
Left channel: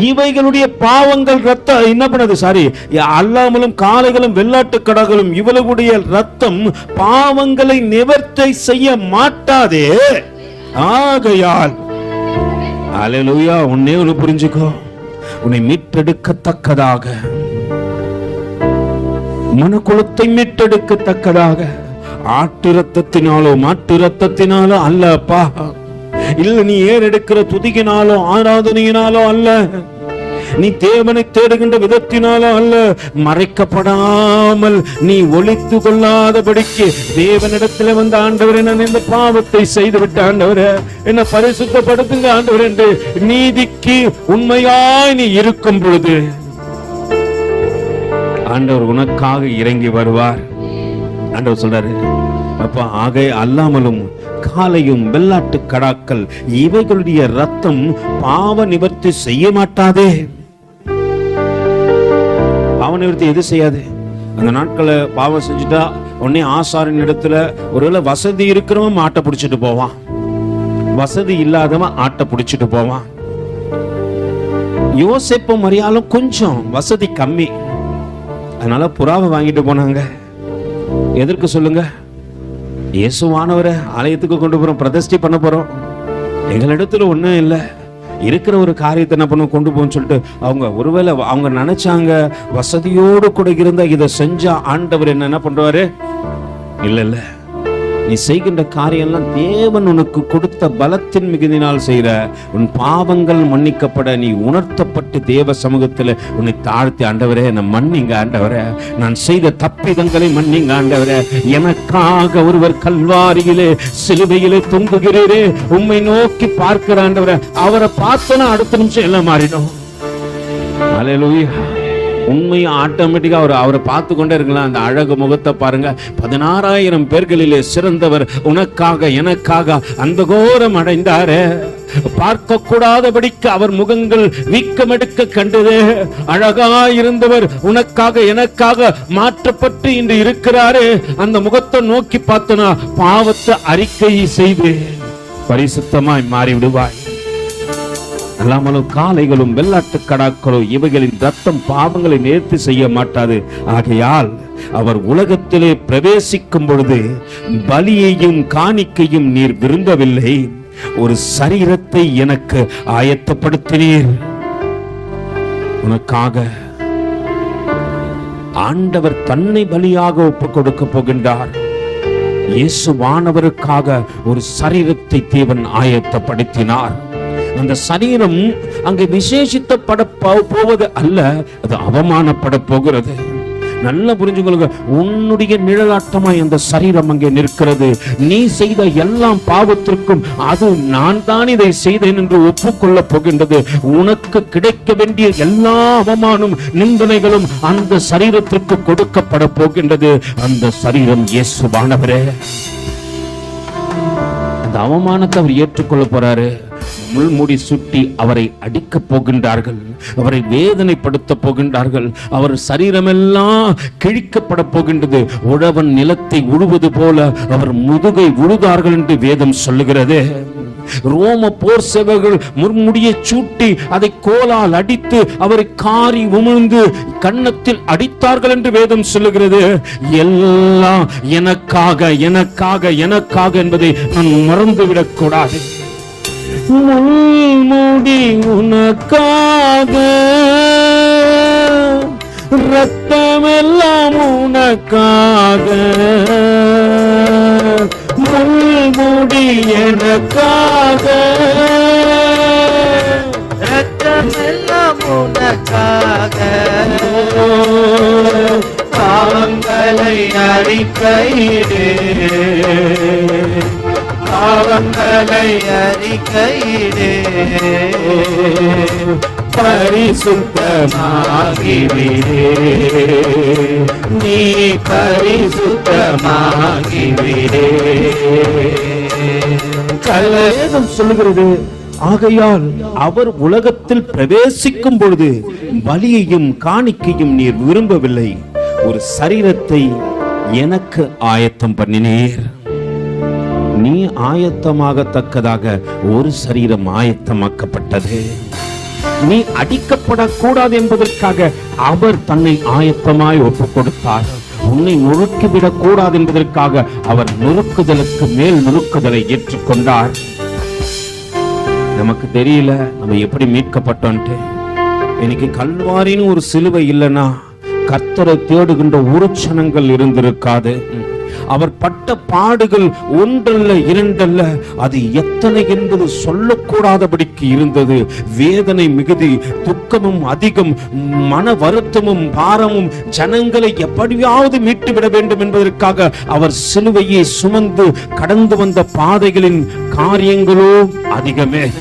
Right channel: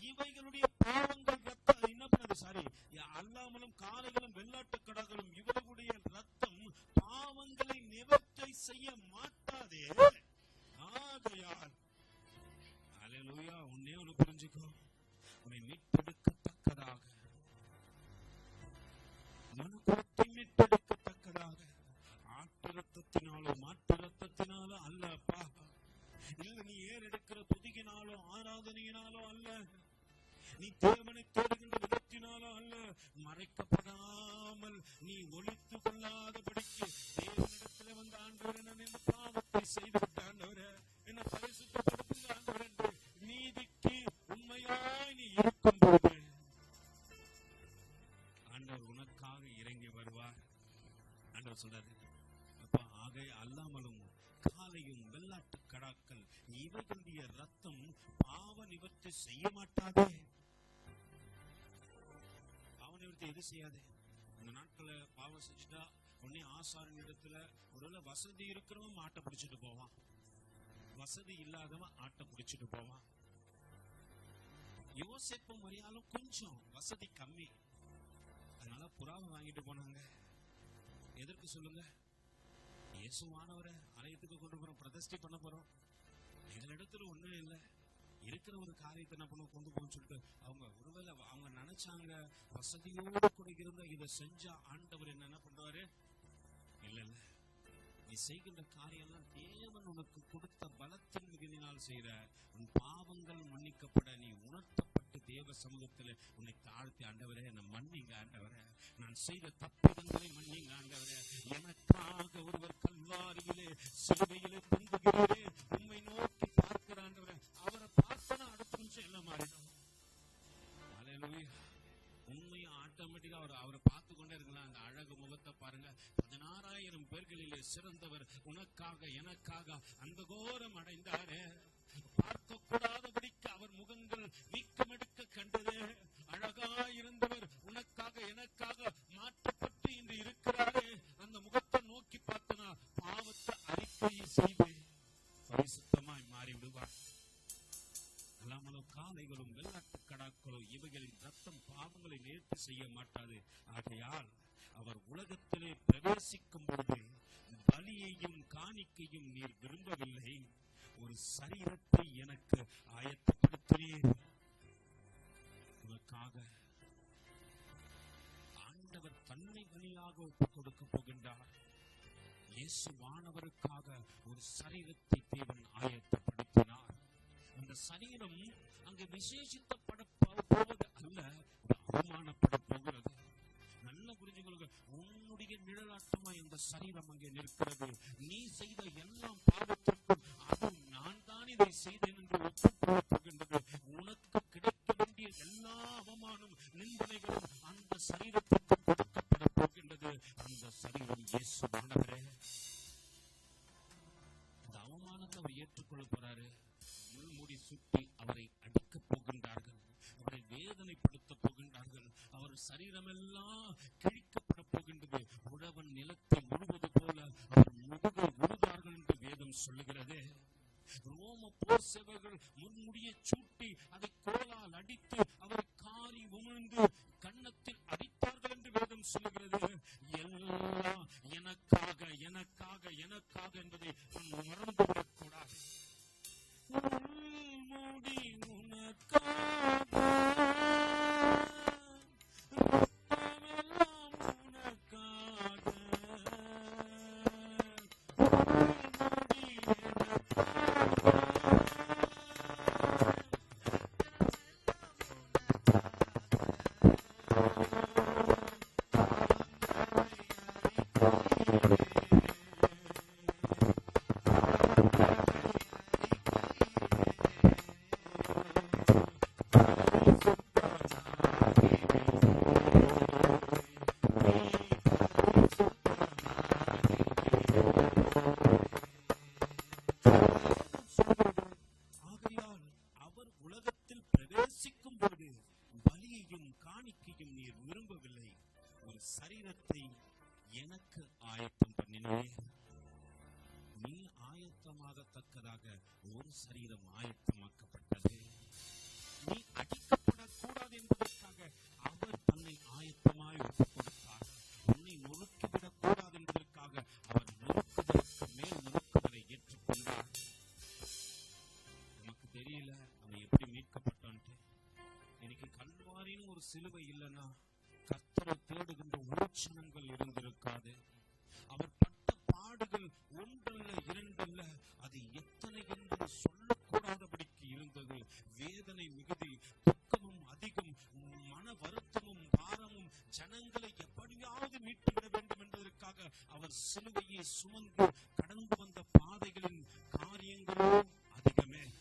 இவைகளுடைய பாவங்கள் ரத்த என்ன பண்ணது? சாரி அல்லாமலும் காளைகளும் வெள்ளாட்டு கடகளும் இவளுடைய ரத்தம் பாவங்களை நிவர்த்தி செய்ய மாட்டாதே. ஆகையால் அலலுயா உன்னே ஒன்று புரிஞ்சுக்கோ. உன்னை மீட்டெடுக்கத்தக்கதாக மனுக்குலத்தை மீட்டெடுக்கத்தக்கதாக ஆட்டு ரத்தத்தினாலோ மாட்டு ரத்தத்தினாலோ அல்லப்பா. இல்ல நீ ஏறெடுக்கிற துதியினாலோ ஆராதனையினாலோ அல்ல? நீ தேவனை தேடுகின்ற விதத்தினாலோ அல்ல. மறைக்கப்படாமல் நீ ஒளித்து கொள்ளாதபடிக்கு தேவனிடத்துல வந்த ஆண்டவர் நான் இந்த பாவத்தை செய்து விட்ட ஆண்டவரே என்ன பரிசுத்தப்படுத்துங்க ஆண்டவர் என்று நீதிக்கு உண்மையாய் நீ இருக்கும் பொழுது ஆண்டவர் உனக்காக இறங்கி வருவார். ஆண்டவர் சொல்றாரு அப்ப ஆகை அல்லாமலும் காலையும் வெள்ளாட்டு கடாக்கள் இவைகளுடைய ரத்தம் பாவ நிவர்த்தி செய்ய மாட்டாதே. பாவ நிவர்த்தி எது செய்யாது? அந்த நாட்களை பாவம் செஞ்சுட்டா உடனே ஆசாரின் இடத்துல ஒருவேளை வசதி இருக்கிறவன் ஆட்டை பிடிச்சிட்டு போவான். வசதி இல்லாதவன் ஆட்டை பிடிச்சிட்டு போவான். யோசிப்பும் மரியாலும் கொஞ்சம் வசதி கம்மி. அதனால புறாவை வாங்கிட்டு போனாங்க. எதற்கு சொல்லுங்க? இயேசுவானவரை ஆலயத்துக்கு கொண்டு போறோம் பிரதிஷ்டை பண்ண போறோம். எங்களிடத்துல ஒண்ணும் இல்லை. இருக்கிற ஒரு காரியத்தை என்ன பண்ணுவோம் கொண்டு போகணும்னு சொல்லிட்டு அவங்க ஒருவேளை அவங்க நினைச்சாங்க வசதியோடு கூட இருந்தா இதை செஞ்சா ஆண்டவர் என்ன என்ன பண்றாரு இல்ல இல்லை. நீ செய்கின்ற காரியம்லாம் தேவன் உனக்கு கொடுத்த பலத்தின் மிகுதினால் செய்கிற. உன் பாவங்கள் மன்னிக்கப்பட நீ உணர்த்தப்பட்டு தேவ சமூகத்தில் உன்னை தாழ்த்தி ஆண்டவரே என்னை மன்னிங்க ஆண்டவரே. நான் செய்த தப்பிதங்களை மன்னிங்க ஆண்டவரே. எனக்காக ஒருவர் கல்வாரியிலே சிலுவையிலே தொங்குகிறீரே. உண்மை நோக்கி பார்க்கிற ஆண்டவரே. அவரை பார்த்தனா அடுத்த நிமிஷம் எல்லாம் மாறிடும் அலையலூயா உண்மையை ஆட்டோமேட்டிக்காக அவர் அவரை பார்த்து கொண்டே இருக்கலாம் அந்த அழகு முகத்தை பாருங்க. பதினாறாயிரம் பேர்களிலே சிறந்தவர் உனக்காக எனக்காக அந்த கோரம் அடைந்தாரே. பார்க்க கூடாதபடிக்கு அவர் முகங்கள் வீக்கமெடுக்க அழகா அழகாயிருந்தவர் உனக்காக எனக்காக மாற்றப்பட்டு இன்று இருக்கிறாரு. அந்த முகத்தை நோக்கி பார்த்தனா பாவத்தை அறிக்கை செய்து பரிசுத்தமாய் மாறி விடுவாய் அல்லாமலும் காளைகளும் வெள்ளாட்டு கடாக்களோ இவைகளின் ரத்தம் பாவங்களை நேர்த்தி செய்ய மாட்டாது. ஆகையால் அவர் உலகத்திலே பிரவேசிக்கும் பொழுது பலியையும் காணிக்கையும் நீர் விரும்பவில்லை. ஒரு சரீரத்தை எனக்கு ஆயத்தப்படுத்தினீர். உனக்காக ஆண்டவர் தன்னை பலியாக ஒப்புக் கொடுக்க போகின்றார். இயேசுவானவருக்காக ஒரு சரீரத்தை தேவன் ஆயத்தப்படுத்தினார். அந்த சரீரம் அங்கே விசேஷித்தப்பட போவது அல்ல அது அவமானப்பட போகிறது. நல்லா புரிஞ்சுக்கொள்ளுங்க உன்னுடைய நிழலாட்டமாய் அந்த சரீரம் அங்கே நிற்கிறது. நீ செய்த எல்லாம் பாவத்திற்கும் அது நான் தான் இதை செய்தேன் என்று ஒப்புக்கொள்ள போகின்றது. உனக்கு கிடைக்க வேண்டிய எல்லா அவமானம் நிந்தனைகளும் அந்த சரீரத்திற்கு கொடுக்கப்பட போகின்றது. அந்த சரீரம் இயேசுவானவரே. அந்த அவமானத்தை அவர் ஏற்றுக்கொள்ள போறாரு. முள்முடி சுட்டி அவரை அடிக்கப் போகின்றார்கள். அவரை வேதனைப்படுத்த போகின்றார்கள். அவர் சரீரமெல்லாம் கிழிக்கப்பட போகின்றது. உழவன் நிலத்தை உழுவது போல அவர் முதுகை உழுதார்கள் என்று வேதம் சொல்லுகிறது. ரோம போர் சேவர்கள் முர்முடியை சூட்டி அதை கோலால் அடித்து அவரை காரி உமிழ்ந்து கன்னத்தில் அடித்தார்கள் என்று வேதம் சொல்லுகிறது. எல்லாம் எனக்காக எனக்காக எனக்காக என்பதை நான் மறந்துவிடக் கூடாது. முள்முடி உனக்காக. ரத்தமெல்லாம் உனக்காக. முள்முடி எனக்காக. ரத்தமெல்லாம் உனக்காக. பாவங்களை அறிக்கையிடு பாவங்களை அறிக்கையிடே. பரிசுத்தமாகிவிடே. நீ பரிசுத்தமாகிவிடே. கல்வேதம் சொல்லுகிறது ஆகையால் அவர் உலகத்தில் பிரவேசிக்கும் பொழுது பலியையும் காணிக்கையும் நீர் விரும்பவில்லை. ஒரு சரீரத்தை எனக்கு ஆயத்தம் பண்ணினீர். நீ ஆயத்தமாகத்தக்கதாக ஒரு சரீரம் ஆயத்தமாக்கப்பட்டது. நீ அடிக்கப்படக்கூடாது என்பதற்காக அவர் தன்னை ஆயத்தமாய் ஒப்புக் கொடுத்தார் உன்னை நொறுக்கிவிடக் கூடாது என்பதற்காக அவர் நொறுக்குதலுக்கு மேல் நொறுக்குதலை ஏற்றுக்கொண்டார். நமக்கு தெரியல நம்ம எப்படி மீட்கப்பட்டோன்ட்டு. இன்னைக்கு கல்வாரின்னு ஒரு சிலுவை இல்லைன்னா கர்த்தரை தேடுகின்ற உருச்சனங்கள் இருந்திருக்காது. அவர் பட்ட பாடுகள் ஒன்றல்ல இரண்டல்ல. அது எத்தனை என்பது சொல்லக்கூடாதபடிக்கு இருந்தது. வேதனை மிகுதி துக்கமும் அதிகம் மன வருத்தமும் பாரமும் ஜனங்களை எப்படியாவது மீட்டு விட வேண்டும் என்பதற்காக அவர் சிலுவையை சுமந்து கடந்து வந்த பாதைகளின் காரியங்களோ அதிகமே.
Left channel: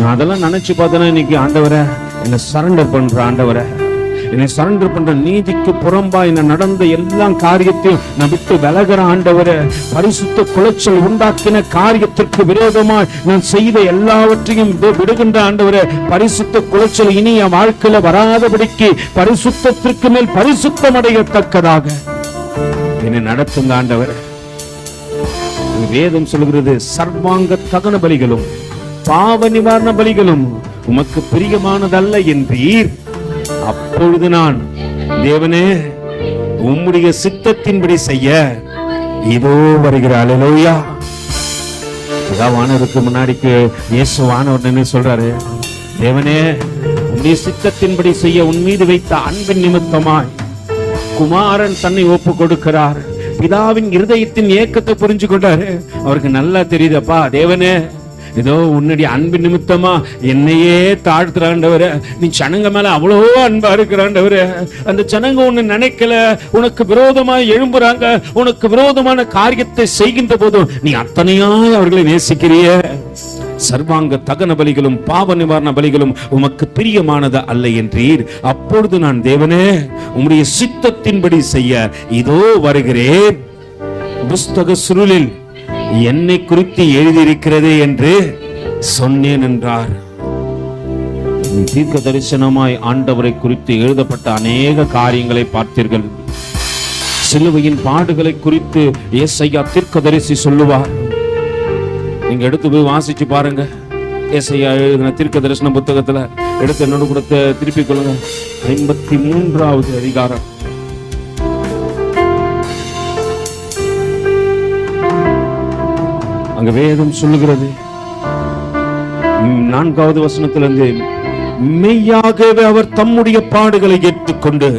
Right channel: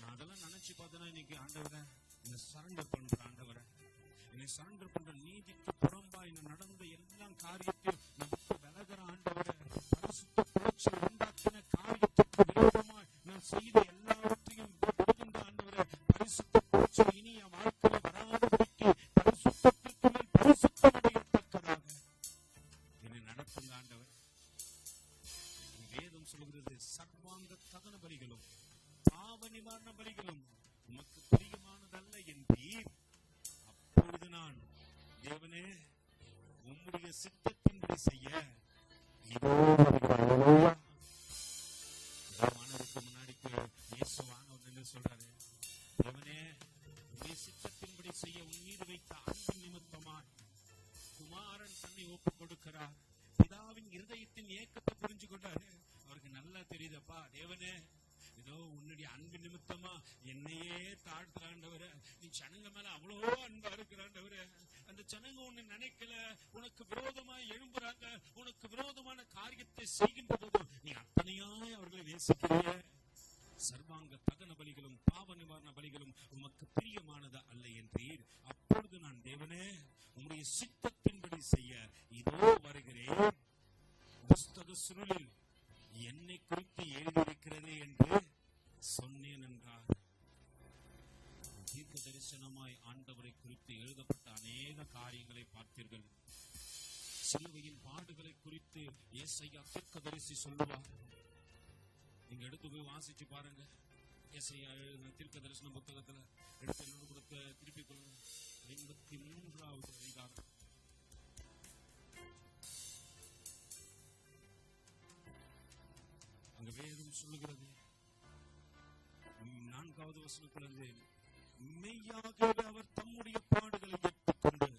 நான் அதெல்லாம் நினைச்சு பார்த்தேன்னா இன்னைக்கு ஆண்டவரை? என்னை சரண்டர் பண்ற ஆண்டவரை. என்னை சரண்டர் பண்ற நீதிக்கு புறம்பா என்ன நடந்த எல்லா காரியத்தையும் நான் விட்டு விலகிற ஆண்டவரை பரிசுத்த குலைச்சல் உண்டாக்கின காரியத்திற்கு விரோதமாய் நான் செய்த எல்லாவற்றையும் விடுகின்ற ஆண்டவரை பரிசுத்த குலைச்சல் இனி என் வாழ்க்கையில வராதபடிக்கு பரிசுத்தத்திற்கு மேல் பரிசுத்தம் அடையத்தக்கதாக. என்னை நடத்துங்க ஆண்டவரை. வேதம் சொல்கிறது சர்வாங்க தகன பலிகளும் பாவ நிவாரண பலிகளும் உமக்கு பிரியமானதல்ல என்றீர். அப்பொழுது நான் தேவனே உம்முடைய சித்தத்தின்படி செய்ய இதோ வருகிற அலலோயா வானவருக்கு முன்னாடிக்கு இயேசு வானவர் என்ன சொல்றாரு தேவனே உம்முடைய சித்தத்தின்படி செய்ய உன் மீது வைத்த அன்பின் நிமித்தமாய் குமாரன் தன்னை ஒப்பு கொடுக்கிறார். பிதாவின் இருதயத்தின் ஏக்கத்தை புரிஞ்சு கொண்டாரு. அவருக்கு நல்லா தெரியுதப்பா தேவனே ஏதோ உன்னுடைய அன்பு நிமித்தமா என்னையே தாழ்த்துறாண்டவர. நீ சனங்க மேல அவ்வளோ அன்பா இருக்கிறாண்டவர. அந்த சனங்க ஒண்ணு நினைக்கல. உனக்கு விரோதமா எழும்புறாங்க. உனக்கு விரோதமான காரியத்தை செய்கின்ற போதும் நீ அத்தனையாய் அவர்களை நேசிக்கிறிய. சர்வாங்க தகன பலிகளும் பாவ நிவாரண பலிகளும் உமக்கு பிரியமானது அல்ல என்றீர். அப்பொழுது நான் தேவனே உம்முடைய சித்தத்தின்படி செய்ய இதோ வருகிறேன். புஸ்தக சுருளில் என்னை குறித்து எழுதியிருக்கிறதே என்று சொன்னேன் என்றார். தீர்க்க தரிசனமாய் ஆண்டவரை குறித்து எழுதப்பட்ட அநேக காரியங்களை பார்த்தீர்கள். சிலுவையின் பாடுகளை குறித்து ஏசையா தீர்க்கதரிசி சொல்லுவார். நீங்க எடுத்து போய் வாசிச்சு பாருங்க. ஏசையா எழுதின தீர்க்க தரிசன புத்தகத்துல எடுத்து என்னோட கூட திருப்பிக் கொள்ளுங்க. ஐம்பத்தி மூன்றாவது அதிகாரம். அங்க வேதம் சொல்லுகிறது. நான்காவது வசனத்திலிருந்து மெய்யாகவே அவர் தம்முடைய பாடுகளை ஏற்றுக்கொண்டு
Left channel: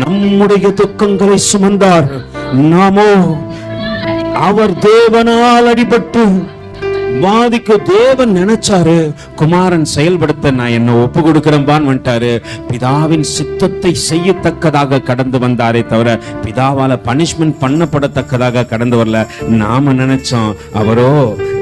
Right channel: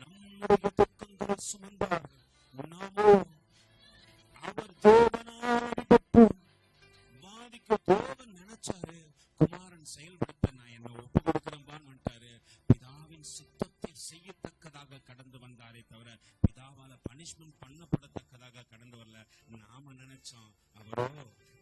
நம்முடைய துக்கங்களை சுமந்தார். நாமோ அவர் தேவனால் அடிபட்டு வாதிக்கு தேவன் நினைச்சாரு குமாரன் செயல்படுத்த நான் என்ன ஒப்பு கொடுக்கிறேன்பான்னு வந்துட்டாரு. பிதாவின் சித்தத்தை செய்யத்தக்கதாக கடந்து வந்தாரே தவிர பிதாவால பனிஷ்மெண்ட் பண்ணப்படத்தக்கதாக கடந்து வரல. நாம நினைச்சோம் அவரோ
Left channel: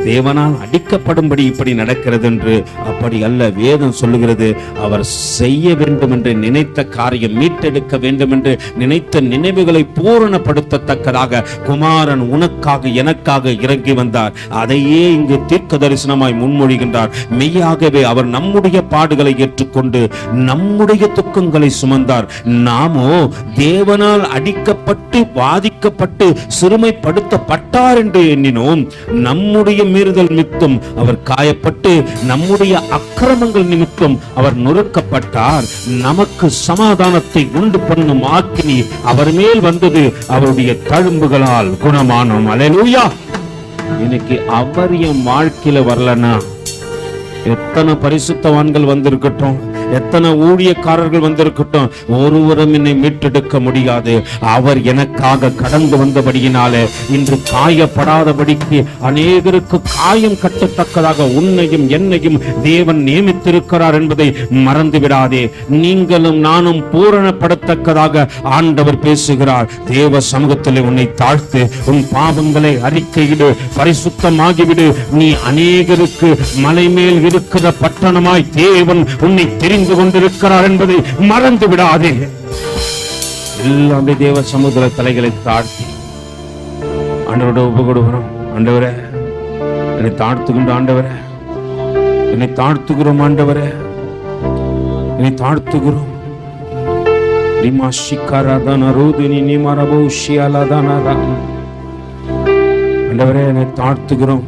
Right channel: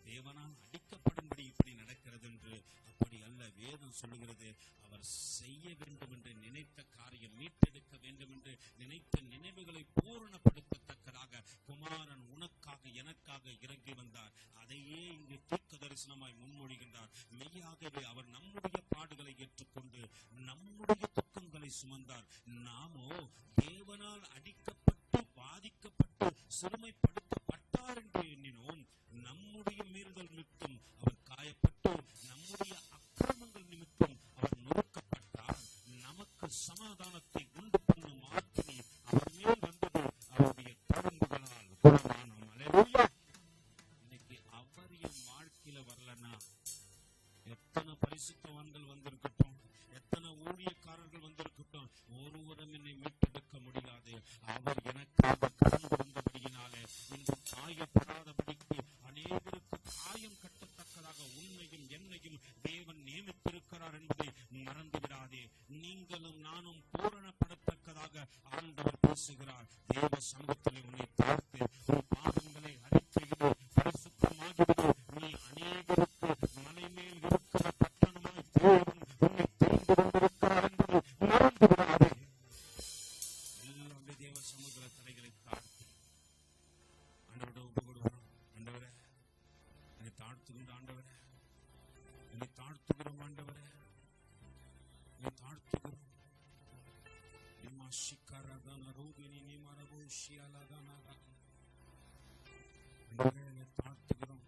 தேவனால் அடிக்கப்படும்படி இப்படி நடக்கிறது என்று அப்படி அல்ல வேதம் சொல்லுகிறது. அவர் செய்ய வேண்டும் என்று நினைத்த காரியம் மீட்டெடுக்க வேண்டும் என்று நினைத்த நினைவுகளை பூரணப்படுத்தத்தக்கதாக குமாரன் உனக்காக எனக்காக இறங்கி வந்தார். அதையே இங்கு தீர்க்க தரிசனமாய் முன்மொழிகின்றார். மெய்யாகவே அவர் நம்முடைய பாடுகளை ஏற்றுக்கொண்டு நம்முடைய துக்கங்களை சுமந்தார். நாமோ தேவனால் அடிக்கப்பட்டு பாதிக்கப்பட்டு சிறுமைப்படுத்தப்பட்டார் என்று எண்ணினோம். நம்முடைய மீறுதல் நிமித்தம் அவர் காயப்பட்டு நம்முடைய அக்கிரமங்கள் நிமித்தம் அவர் நொறுக்கப்பட்டார். நமக்கு சமாதானத்தை உண்டு பண்ணும் ஆக்கினி அவர் மேல் வந்தது அவருடைய தழும்புகளால் குணமானோம். அலையலூயா. இன்னைக்கு அவர் என் வாழ்க்கையில வரலன்னா எத்தனை பரிசுத்தவான்கள் வந்திருக்கட்டும். எத்தனை ஊழியக்காரர்கள் வந்திருக்கட்டும் ஒருவரும் என்னை மீட்டெடுக்க முடியாது. அவர் எனக்காக கடந்து வந்தபடியினாலே இன்று காயப்படாதபடிக்கு அநேகருக்கு காயம் கட்டத்தக்கதாக உன்னையும் என்னையும் தேவன் நியமித்திருக்கிறார் என்பதை மறந்து விடாதே நீங்களும் நானும் பூரணப்படத்தக்கதாக ஆண்டவர் பேசுகிறார். தேவ சமூகத்தில் உன்னை தாழ்த்து உன் பாவங்களை அறிக்கையிடு பரிசுத்தமாகிவிடு. நீ அநேகருக்கு மலை மேல் இருக்கிற பட்டணமாய் தேவன் உன்னை தெரிந்து கொண்டிருக்கிறார் என்பதை மறந்து விடாதே. எல்லாமே தேவ சமுதிர தலைகளை தாழ்த்தி ஆண்டவரோட ஒப்பு கொடுக்கிறோம் ஆண்டவரே என்னை தாழ்த்துகின்ற ஆண்டவரே என்னை தாழ்த்துகிறோம் ஆண்டவரே என்னை தாழ்த்துகிறோம். ரிமா ஷிக்காராதான ரோதினி நிமரபோ ஷியாலாதானாரா ஆண்டவரே என்னை தாழ்த்துகிறோம்.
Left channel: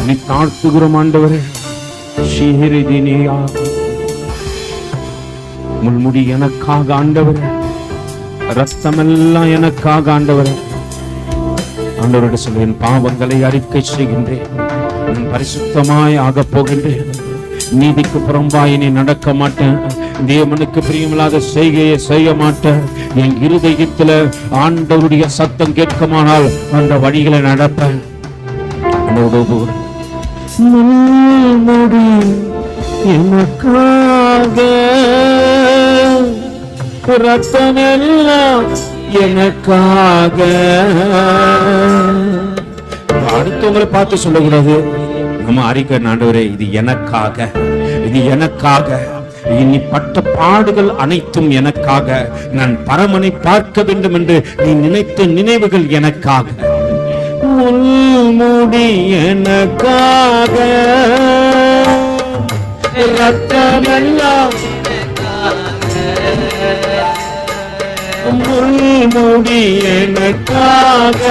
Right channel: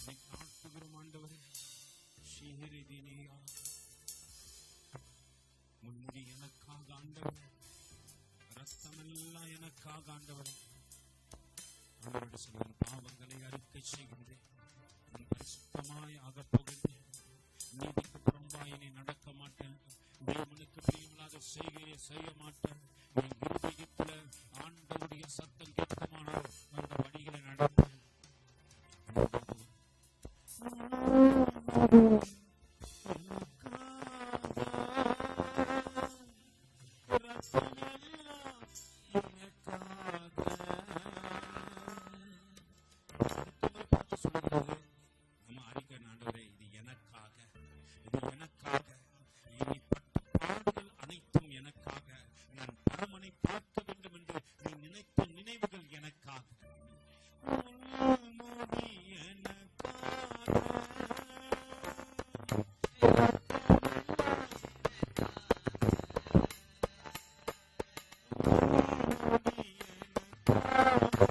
என்னை தாழ்த்துகிறோம் ஆண்டவரே. ஷிஹிரிதினியா. முள்முடி எனக்காக ஆண்டவர். ரத்தமெல்லாம் எனக்காக ஆண்டவர். ஆண்டவரோட சொல்வேன் பாவங்களை அறிக்கை செய்கின்றேன். பரிசுத்தமாய் ஆகப் போகின்றேன். நீதிக்கு புறம்பாய் நீ நடக்க மாட்டேன். தேவனுக்கு பிரியமில்லாத செய்கையை செய்ய மாட்டேன். என் இருதயத்துல ஆண்டவருடைய சத்தம் கேட்குமானால் அந்த வழிகளை நடப்பேன். எனக்காக ஒப்புக்கொடு. ரத்தம் எனக்காக. எனக்காக அடுத்தவங்களை பார்த்து சொல்லக்கூடாது. நம்ம அறிக்கை ஆண்டவரே இது எனக்காக. இது எனக்காக. இனி பட்ட பாடுகள் அனைத்தும் எனக்காக. நான் பரமனை பார்க்க வேண்டும் என்று நீ நினைத்த நினைவுகள் எனக்காக. முடி எனக்காக. ரத்தமெல்லாம் முள்முடி எனக்காக.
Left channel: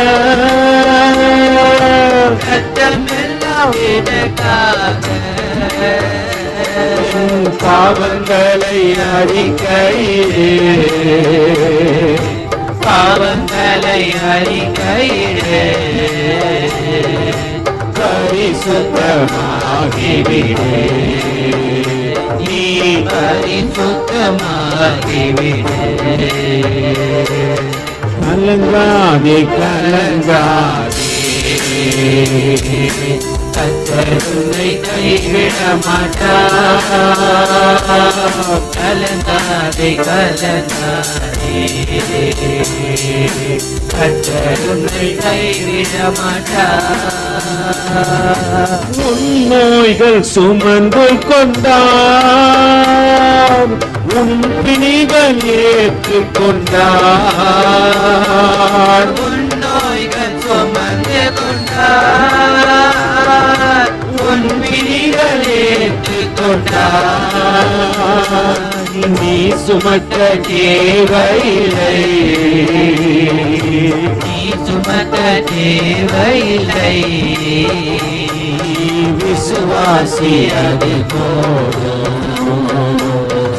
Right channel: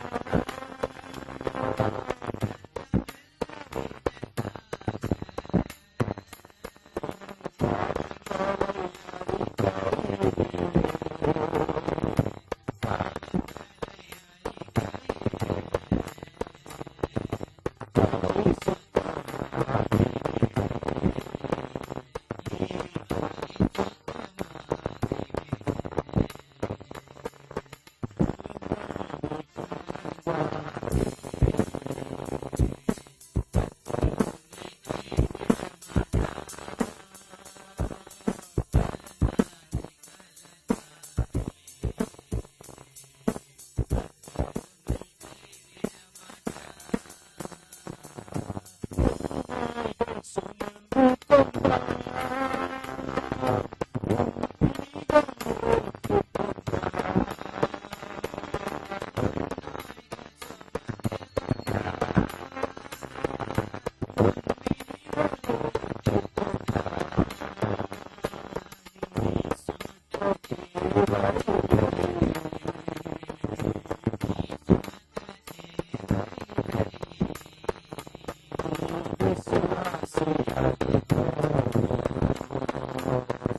பாவங்களை அறிக்கையிலே பாவங்களை அறிக்கையிலே பரிசுத்தமாகிவிடே. நீ சுத்தமாகிவிடு கலங்காதே கலங்காதே. கத்தருளை கைவிட மாட்டார் கலந்தாதே கலங்காதே கத்தருனை கைவிட மாட்டார் உன் நோய்கள் சுமந்து கொண்டார் உன் பிணிகள் ஏற்றுக்கொண்டார் நீ சுமக்க தேவையில்லை. நீ சுமக்க தேவையில்லை. விசுவாசி அது போதும்.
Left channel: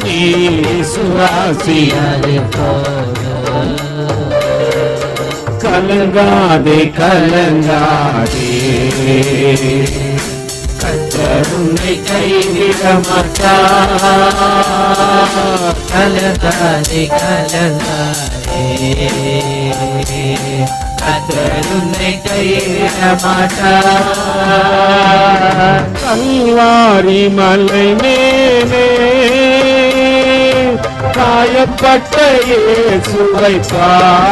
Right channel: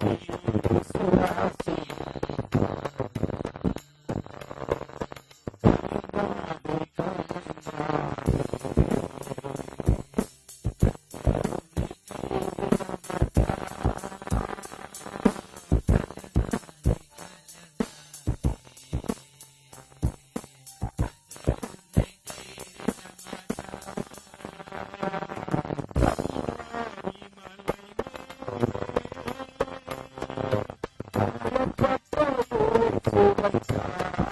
நீ விசுவாசி அது போதும். கலங்காதே கலங்காதே. கருணை கைவிட மாட்டார் கலதாரி கலங்காதே கத்தருனை கைவிட மாட்டார் கல்வாரி மலை மேலே காயப்பட்ட சுவைப்பார்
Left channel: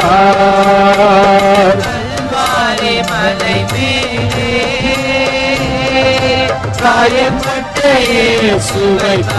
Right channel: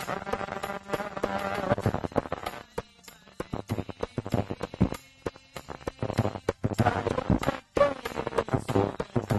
காயப்பட்ட